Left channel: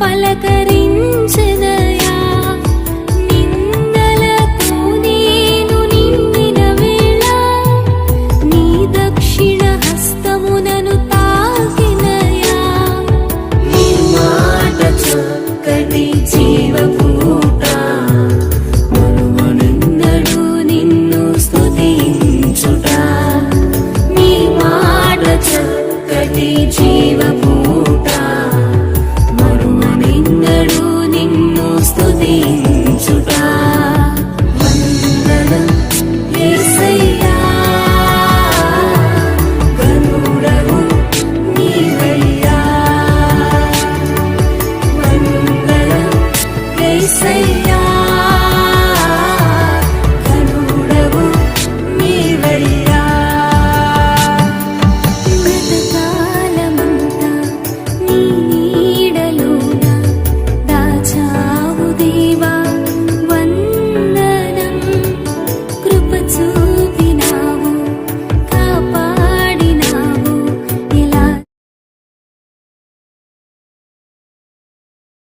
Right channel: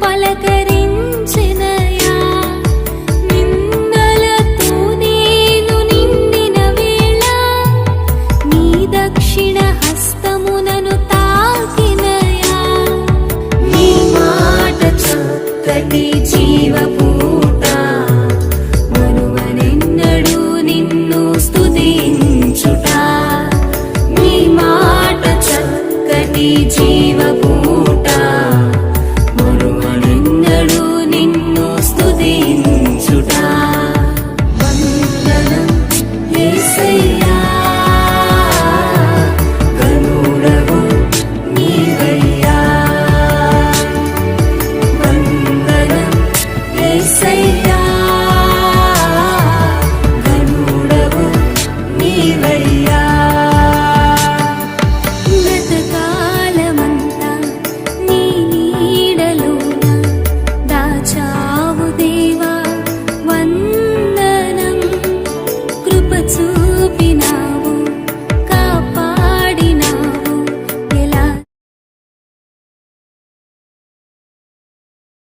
పలకరించిన say